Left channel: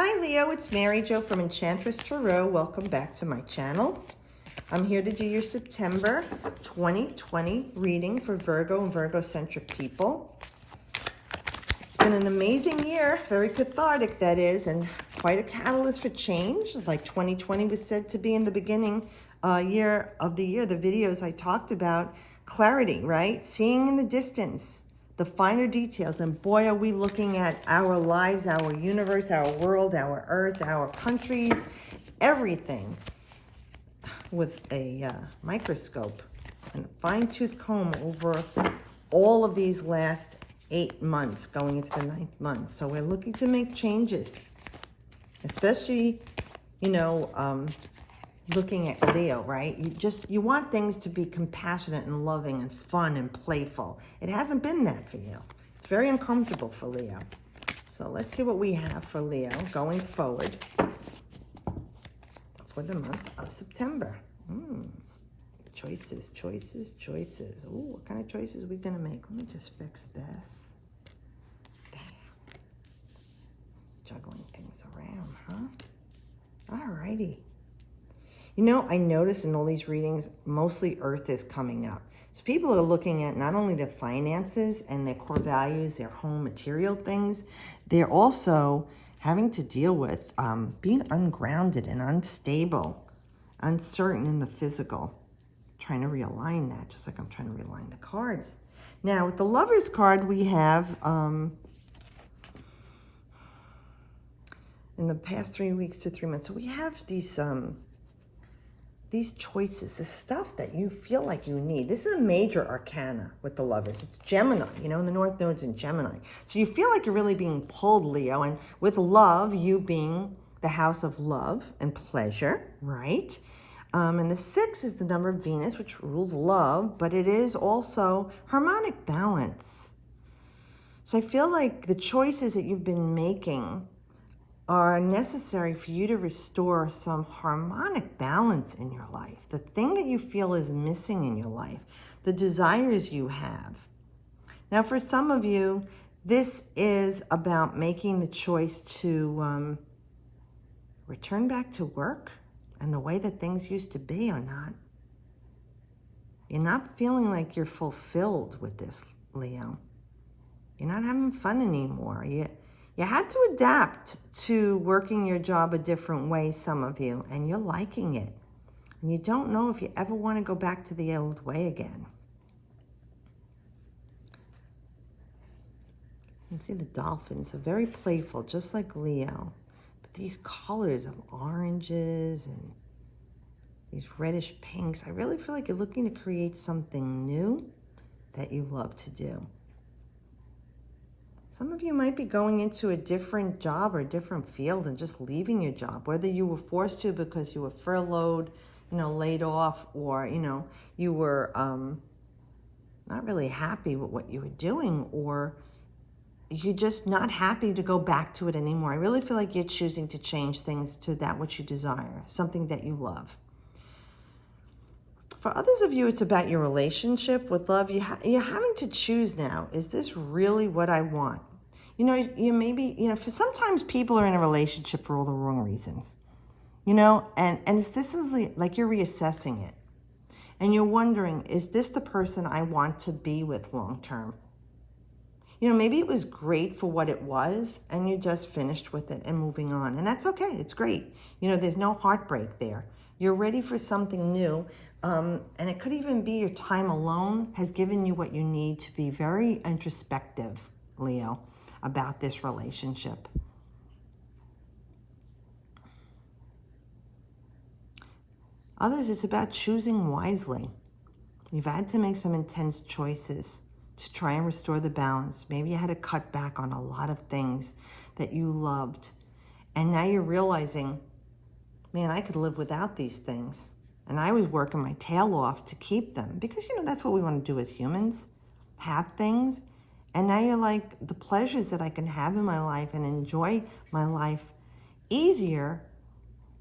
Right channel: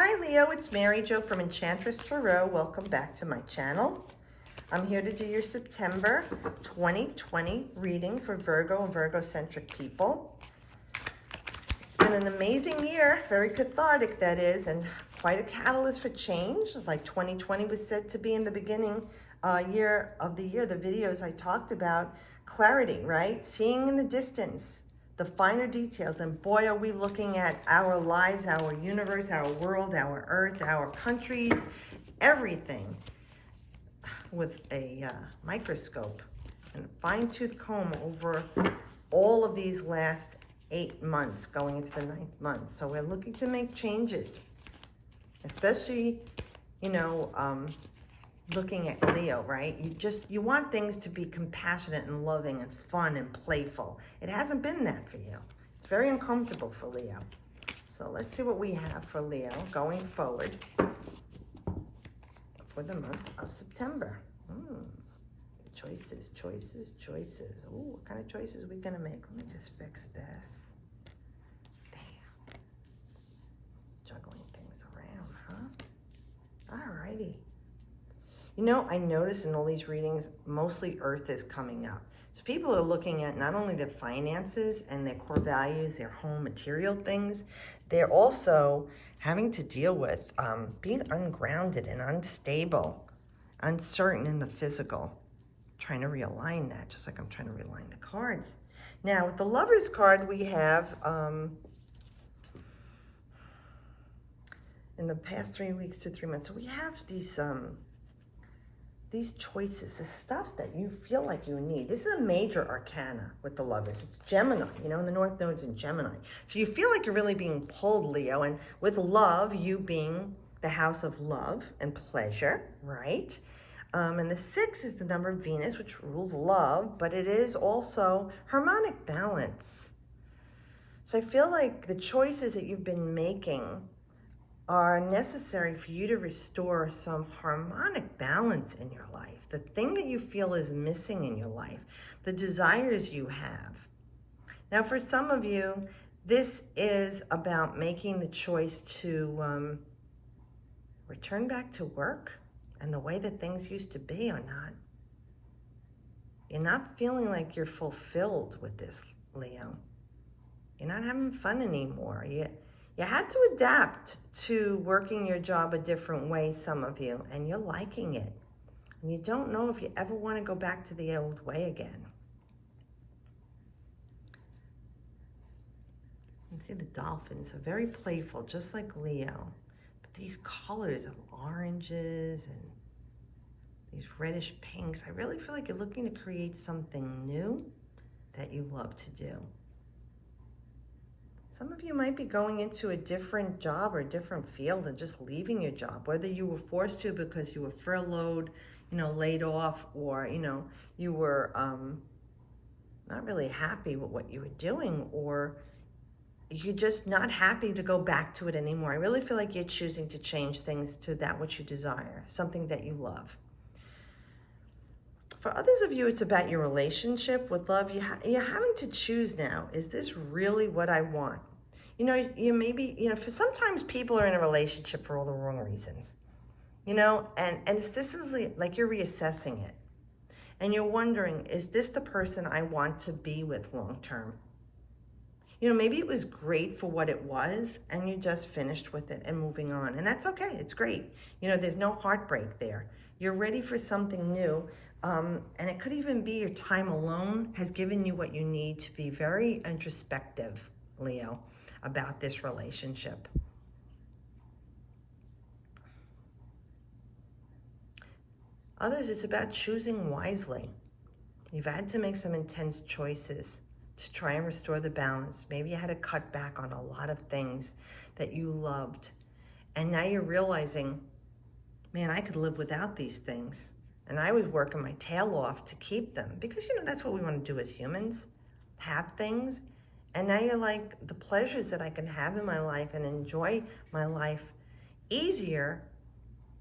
Hi Leo, it's Mary Jo from Enchantress Tarot. Welcome back to my channel. I'm here to do your September 2020 reading for Virgo and Virgo-centric people. It's been an amazing year, very cathartic that is, and quite a catalyst for change. Like 2020 was said to be in the beginning year of the year. The videos I talked about, clarity, right? Seeing in the distance, the finer details, and boy, are we looking at our lives, our universe, our world, our earth, our countries, everything with a microscope and a fine-tooth comb over all of these last 8 months going into the 9th month. So we're looking to make changes, especially, looking at Leo, right? You want things to be compassionate and loving and fun and playful. It hasn't been that for you. It's very uncomfortable for Leo. So let's see what we have for Leo going forward for the month of September. Choices, choices, choices. Ooh, what kind of choices are we gonna make? Let me just fix this. Juggling things around, huh? Alrighty. You know, I notice in all these readings, mostly Earth is coming up. So people are looking at not only their finances and their core values, their home material things, they're also having to deal with being ungrounded and unstable, uncertain in the physical. Trying to realign that, just like I'm trying to realign the cards. Now, with the Lover's card, we have, in the past 3 weeks to 3 months, so we have these choices, the stuff that you feel like you need. This is a major arcana with the Lovers. It's Gemini, and the North Node's in Gemini. So you feel like you're really being pulled, Leo, and with love, you being the house of love and pleasure, right? And the 6 is the number of Venus, which rules love, but it is also harmonic balance. So I feel like the choices that you've been making are necessary for you to restore some harmonic balance in your life. The thing that you feel is missing in your life, the desires you have. Now, for some of you, this is about making the choice to return back to work and the way that things used to be or not. You're not feeling like you're fulfilled with this, Leo. You're not having fun anymore. You had to adapt to working your job a different way, some of you, and you're liking it. And you don't know if you ever want to go back to the old way again. You see the dolphins are very playful, just like Leo. But these colors of oranges and these reddish pinks, I really feel like you're looking to create something new that you love to do. Some of you might be going into a different job or a different field and just leaving your job, whether you were forced to because you were furloughed, laid off, or, you were not really happy with what you were doing, or you're just not happy to go back to it anymore. I really feel like you're choosing to change things to that which you desire, something that you love. For others of you, it's about your relationship with love. You're having to choose now. Is this really what I want? For sometimes people are in a relationship for all the wrong reasons, and this is like you're reassessing it. And you're wondering, is this the person I want to be with long term? Maybe it was great for what it was and you just finished with it and moving on. And that's okay, it's great. There's no heartbreak there. You're ready for something new. And it could even be your time alone has given you what you need to be very introspective, Leo, about this relationship. Others, it's about choosing wisely. You've had to make some intense choices to try and restore the balance. Maybe you had to cut back on a lot of things that you loved. And now you're realizing, man, I could live without these things. And I was working my tail off to keep them because, that's what we want to do as humans, have things. And now you're like, the pleasures that I can have in my life and enjoy my life easier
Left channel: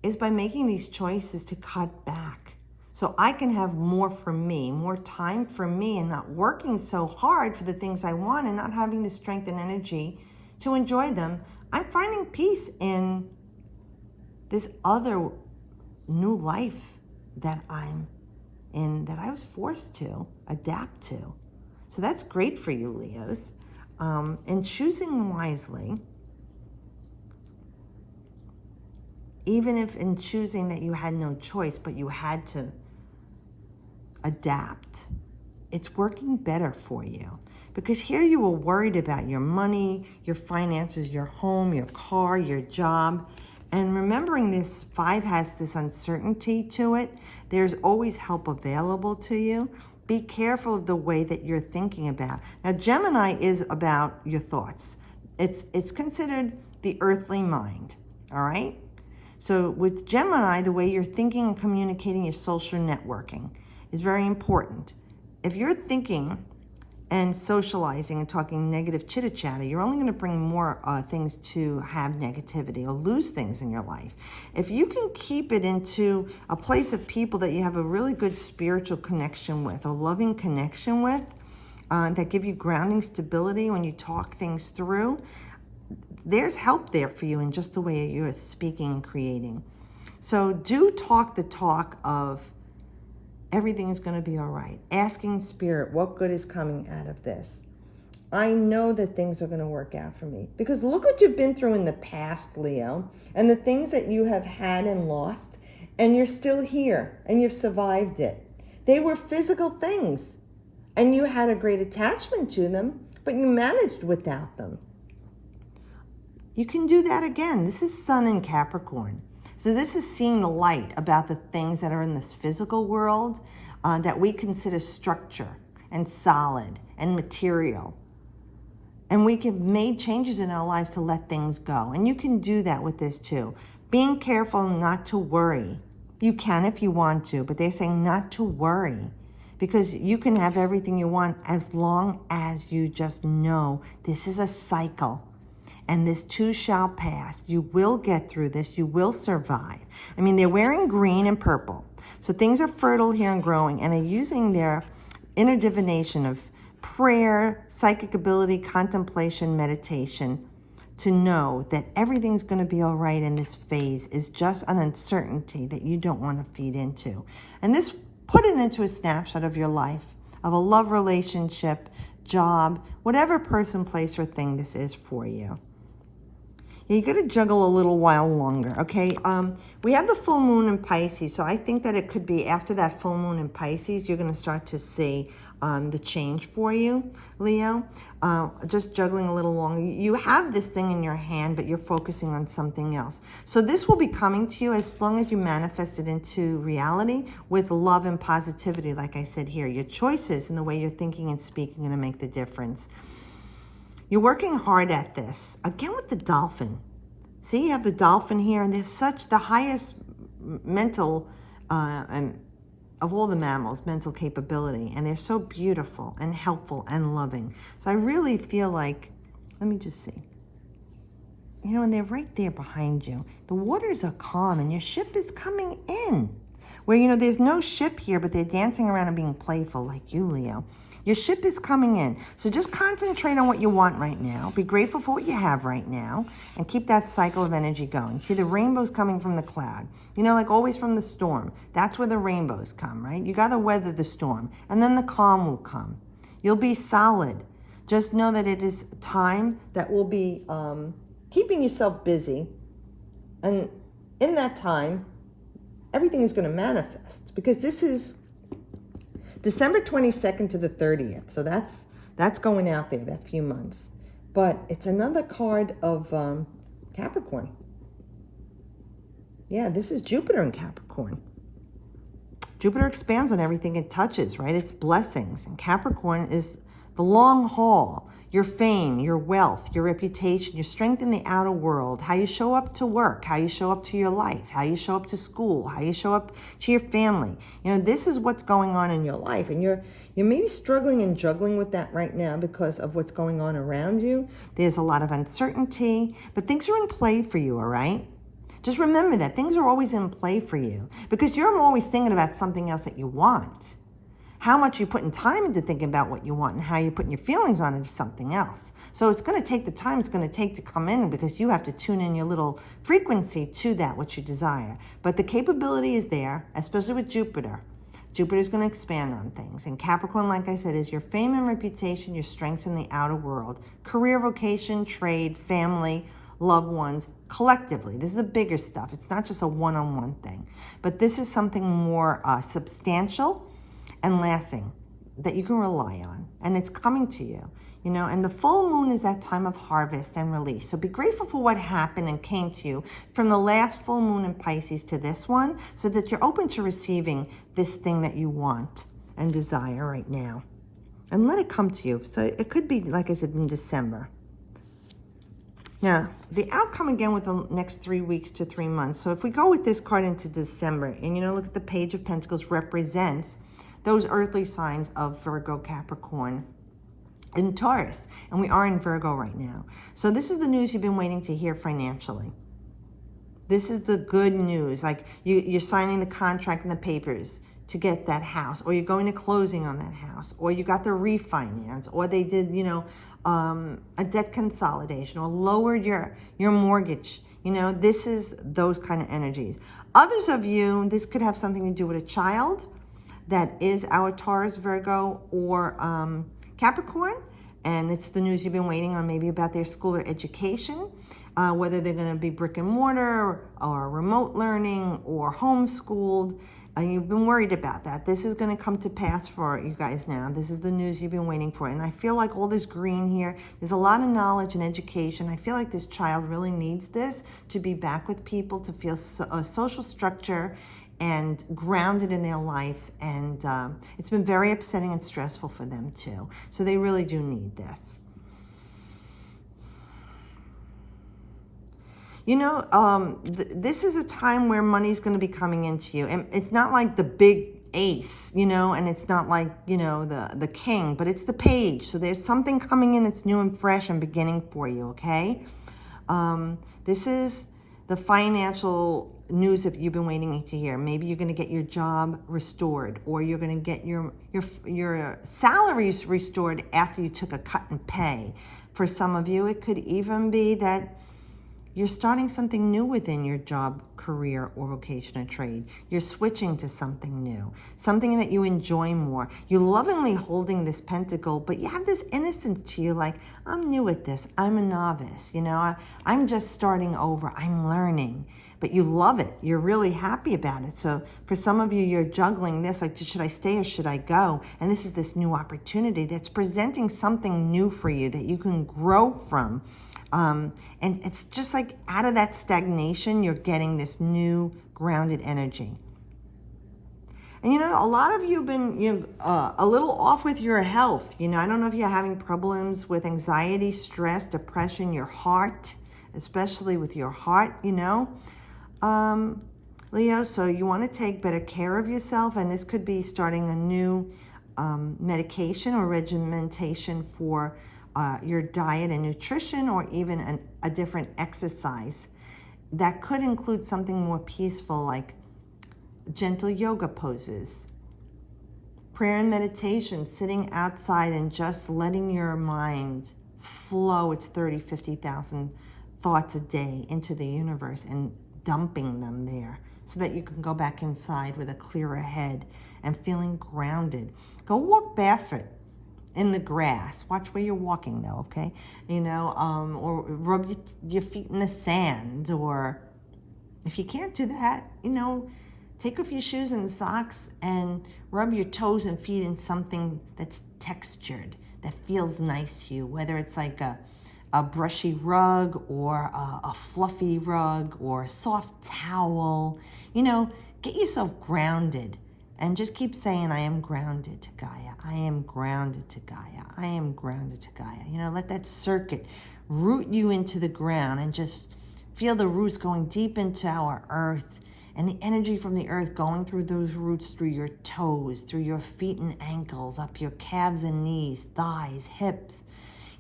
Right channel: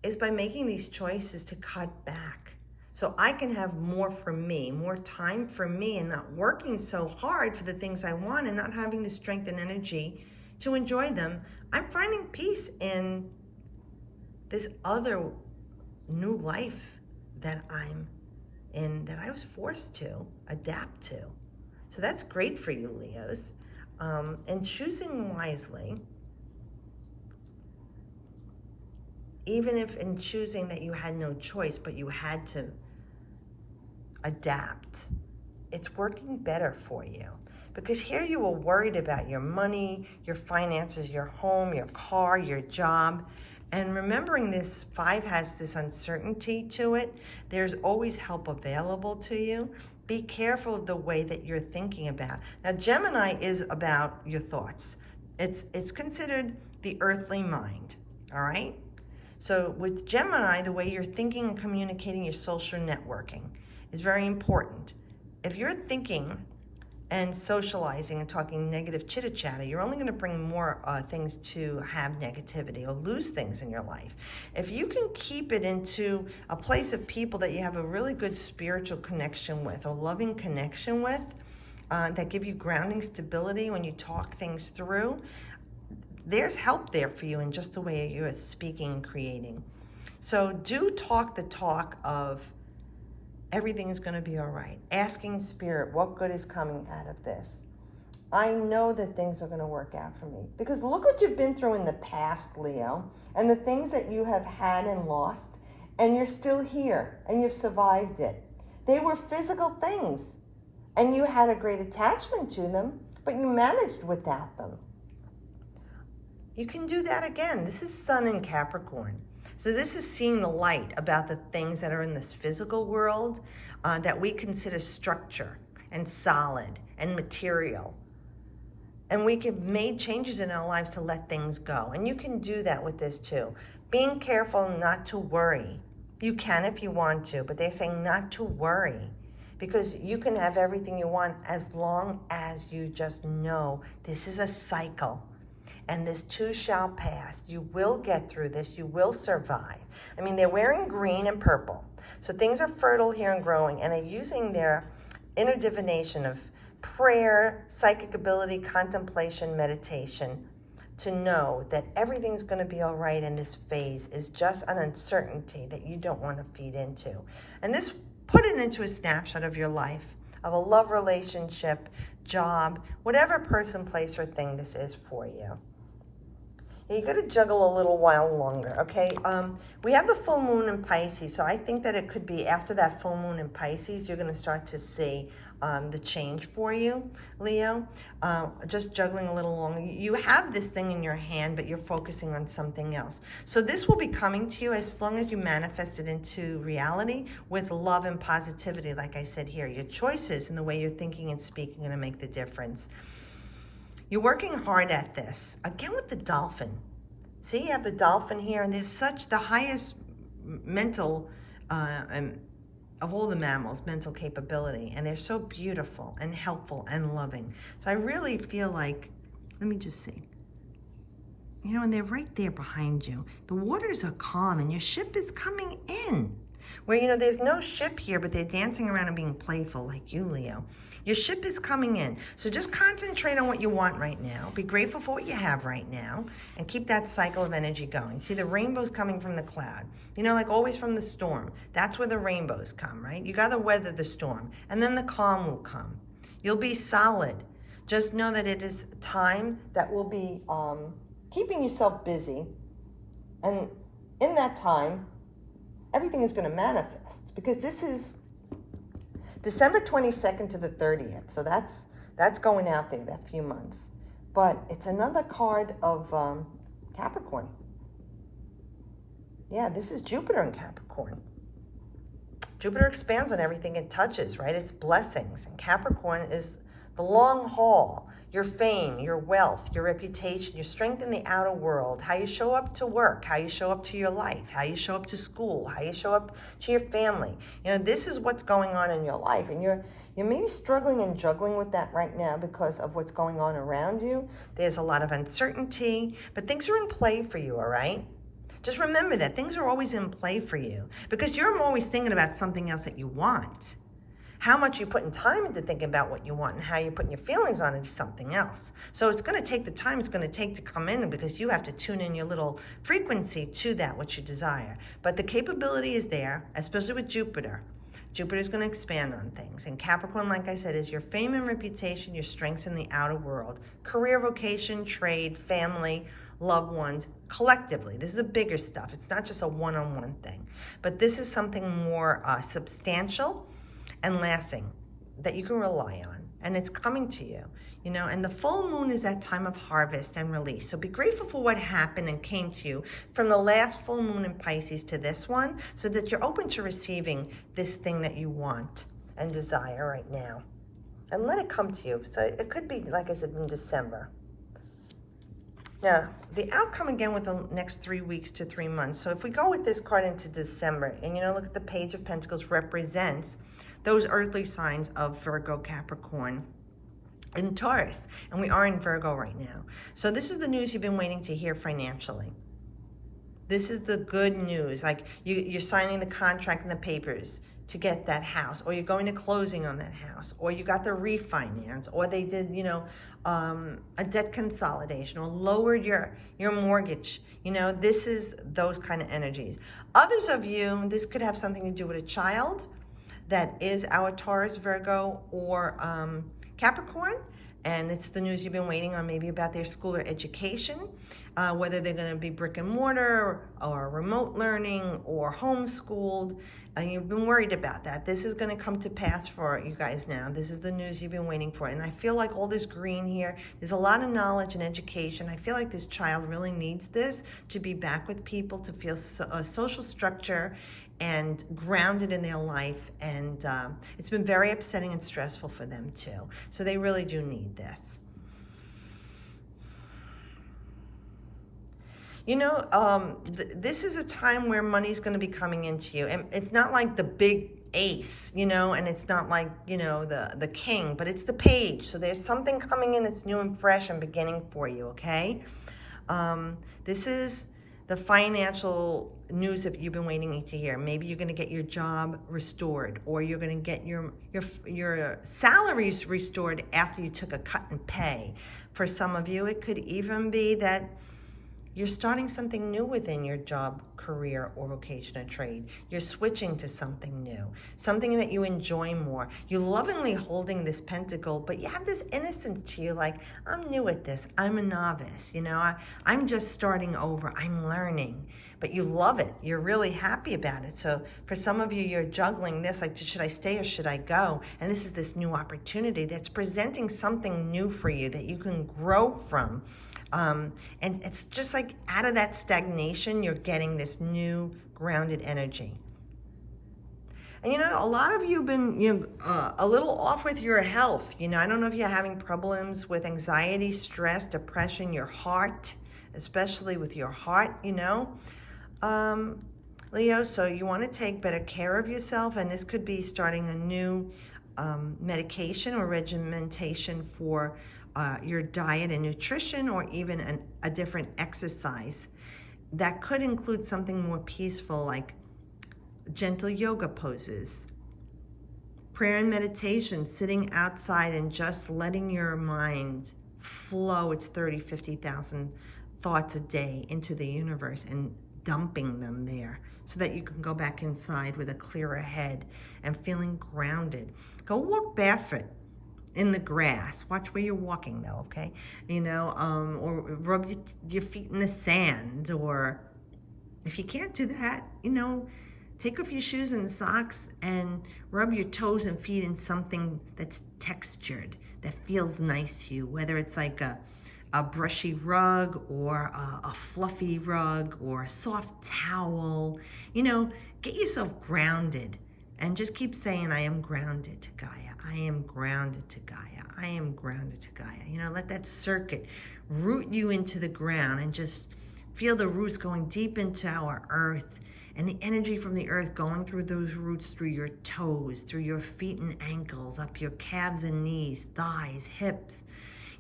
is by making these choices to cut back. So I can have more for me, more time for me, and not working so hard for the things I want and not having the strength and energy to enjoy them I'm finding peace in this other new life that I'm in, that I was forced to adapt to. So that's great for you, Leos. And choosing wisely, even if in choosing that you had no choice, but you had to adapt, it's working better for you. Because here you were worried about your money, your finances, your home, your car, your job. And remembering this 5 has this uncertainty to it, there's always help available to you. Be careful of the way that you're thinking about. Now, Gemini is about your thoughts. It's considered the earthly mind, all right? So with Gemini, the way you're thinking and communicating, your social networking is very important. If you're thinking and socializing and talking negative chitter-chatter, you're only going to bring more things to have negativity or lose things in your life. If you can keep it into a place of people that you have a really good spiritual connection with, or loving connection with, that give you grounding stability when you talk things through, there's help there for you in just the way you're speaking and creating. So do talk the talk of everything is going to be all right. Asking Spirit, what good is coming out of this? I know that things are going to work out for me. Because look what you've been through in the past, Leo, and the things that you have had and lost, and you're still here, and you've survived it. They were physical things, and you had a great attachment to them, but you managed without them. You can do that again. This is Sun in Capricorn. So this is seeing the light about the things that are in this physical world that we consider structure and solid and material. And we have made changes in our lives to let things go. And you can do that with this too. Being careful not to worry. You can if you want to, but they're saying not to worry, because you can have everything you want as long as you just know this is a cycle. And this too shall pass. You will get through this. You will survive. I mean, they're wearing green and purple. So things are fertile here and growing. And they're using their inner divination of prayer, psychic ability, contemplation, meditation to know that everything's going to be all right in this phase is just an uncertainty that you don't want to feed into. And this, put it into a snapshot of your life, of a love relationship, job, whatever person, place, or thing this is for you. You got to juggle a little while longer, okay? We have the full moon in Pisces, so I think that it could be after that full moon in Pisces, you're going to start to see the change for you, Leo. Just juggling a little longer. You have this thing in your hand, but you're focusing on something else. So this will be coming to you as long as you manifest it into reality with love and positivity, like I said here. Your choices and the way you're thinking and speaking are going to make the difference. You're working hard at this. Again with the dolphin. See, you have the dolphin here, and they're such the highest mental, of all the mammals, mental capability. And they're so beautiful and helpful and loving. So I really feel like, let me just see. You know, and they're right there behind you. The waters are calm, and your ship is coming in. Where, you know, there's no ship here, but they're dancing around and being playful like you, Leo. Your ship is coming in. So just concentrate on what you want right now. Be grateful for what you have right now. And keep that cycle of energy going. See, the rainbow's coming from the cloud. You know, like always from the storm. That's where the rainbows come, right? You got to weather the storm. And then the calm will come. You'll be solid. Just know that it is time that will be keeping yourself busy. And in that time, everything is going to manifest. Because this is December 22nd to the 30th. So that's going out there, that few months. But it's another card of Capricorn. Yeah, this is Jupiter in Capricorn. Jupiter expands on everything it touches, right? It's blessings. And Capricorn is the long haul. Your fame, your wealth, your reputation, your strength in the outer world, how you show up to work, how you show up to your life, how you show up to school, how you show up to your family. You know, this is what's going on in your life. And you're maybe struggling and juggling with that right now because of what's going on around you. There's a lot of uncertainty, but things are in play for you, all right? Just remember that things are always in play for you because you're always thinking about something else that you want. How much you're putting time into thinking about what you want and how you're putting your feelings on it is something else. So it's going to take the time it's going to take to come in, because you have to tune in your little frequency to that which you desire. But the capability is there, especially with Jupiter. Jupiter's going to expand on things. And Capricorn, like I said, is your fame and reputation, your strengths in the outer world, career, vocation, trade, family, loved ones, collectively. This is a bigger stuff. It's not just a one-on-one thing. But this is something more substantial and lasting that you can rely on. And it's coming to you. You know, and the full moon is that time of harvest and release. So be grateful for what happened and came to you from the last full moon in Pisces to this one, so that you're open to receiving this thing that you want and desire right now. And let it come to you. So it could be, like I said, in December. Now, the outcome again with the next 3 weeks to 3 months. So if we go with this card into December, and you know, look at the Page of Pentacles represents those earthly signs of Virgo, Capricorn, in Taurus, and we are in Virgo right now. So this is the news you've been waiting to hear financially. This is the good news. Like you're signing the contract and the papers to get that house, or you're going to closing on that house, or you got the refinance, or they did, you know, a debt consolidation, or lowered your mortgage. You know, this is those kind of energies. Others of you, this could have something to do with a child that is our Taurus, Virgo, or Capricorn, and it's the news you've been waiting on, maybe about their school or education, whether they're going to be brick and mortar or remote learning or homeschooled. You've been worried about that. This is going to come to pass for you guys now. This is the news you've been waiting for. And I feel like all this green here, there's a lot of knowledge and education. I feel like this child really needs this to be back with people, to feel a social structure and grounded in their life, and it's been very upsetting and stressful for them too. So they really do need this. You know, this is a time where money's going to be coming into you, and it's not like the big ace, you know, and it's not like, you know, the king, but it's the page. So there's something coming in that's new and fresh and beginning for you, okay? This is the financial news that you've been waiting to hear. Maybe you're going to get your job restored, or you're going to get your salaries restored after you took a cut in pay. For some of you, it could even be that you're starting something new within your job, career, or vocation or trade. You're switching to something new, something that you enjoy more. You're lovingly holding this pentacle, but you have this innocence to you, like, I'm new at this. I'm a novice, you know, I'm just starting over. I'm learning. But you love it. You're really happy about it. So for some of you, you're juggling this, like, should I stay or should I go? And this is this new opportunity that's presenting something new for you that you can grow from. And it's just like out of that stagnation, you're getting this new grounded energy. And you know, a lot of you have been a little off with your health. You know, I don't know if you're having problems with anxiety, stress, depression, your heart, especially with your heart, you know. Leo, so you want to take better care of yourself, and this could be starting a new medication or regimentation for your diet and nutrition, or even a different exercise. That could include something more peaceful, like gentle yoga poses, prayer and meditation, sitting outside and just letting your mind flow its 30, 50,000 thoughts a day into the universe and dumping them there so that you can go back inside with a clearer head and feeling grounded. Go walk barefoot in the grass. Watch where you're walking though, okay? You know, or rub your feet in the sand, or if you can't do that, you know, take off your shoes and socks and rub your toes and feet in something that's textured, that feels nice to you, whether it's like a brushy rug, or a fluffy rug, or a soft towel. You know, get yourself grounded and just keep saying, I am grounded to Gaia. I am grounded to Gaia. I am grounded to Gaia. You know, let that circuit root you into the ground, and just feel the roots going deep into our earth, and the energy from the earth going through those roots, through your toes, through your feet and ankles, up your calves and knees, thighs, hips,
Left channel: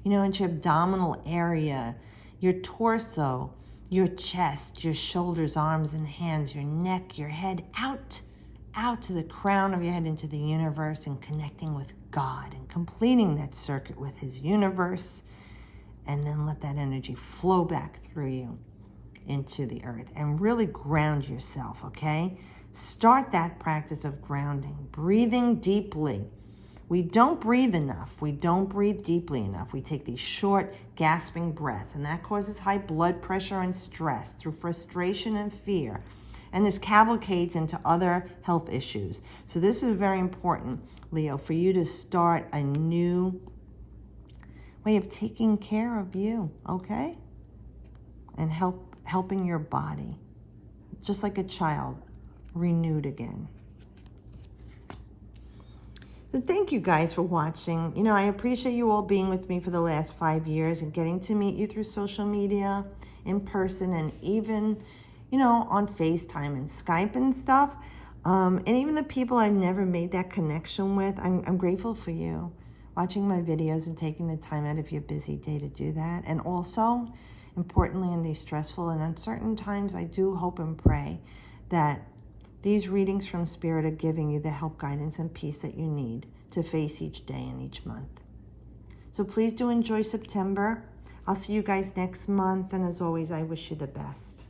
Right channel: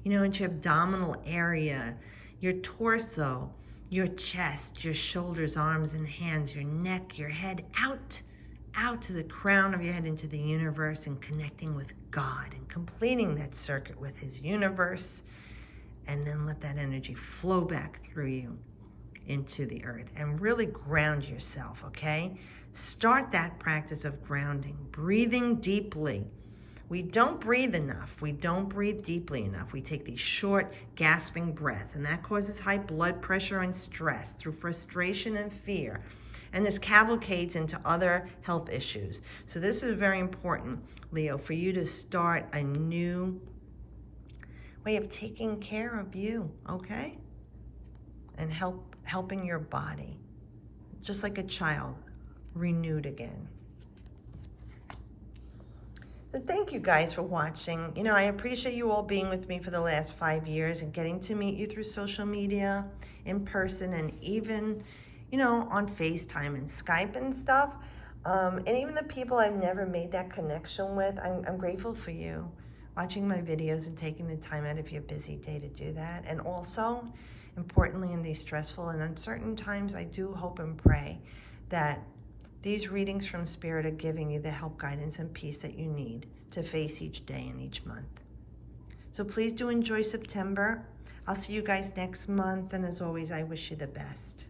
you know, into your abdominal area, your torso, your chest, your shoulders, arms and hands, your neck, your head, out out to the crown of your head into the universe and connecting with God and completing that circuit with his universe. And then let that energy flow back through you into the earth and really ground yourself, okay? Start that practice of grounding, breathing deeply. We don't breathe enough. We don't breathe deeply enough. We take these short, gasping breaths, and that causes high blood pressure and stress through frustration and fear. And this cavalcades into other health issues. So this is very important, Leo, for you to start a new way of taking care of you, okay? And helping your body, just like a child, renewed again. So thank you guys for watching. You know, I appreciate you all being with me for the last 5 years and getting to meet you through social media, in person, and even, you know, on FaceTime and Skype and stuff. And even the people I've never made that connection with, I'm grateful for you watching my videos and taking the time out of your busy day to do that. And also, importantly, in these stressful and uncertain times, I do hope and pray that these readings from Spirit are giving you the help, guidance, and peace that you need to face each day and each month. So please do enjoy September. I'll see you guys next month. And as always, I wish you the best.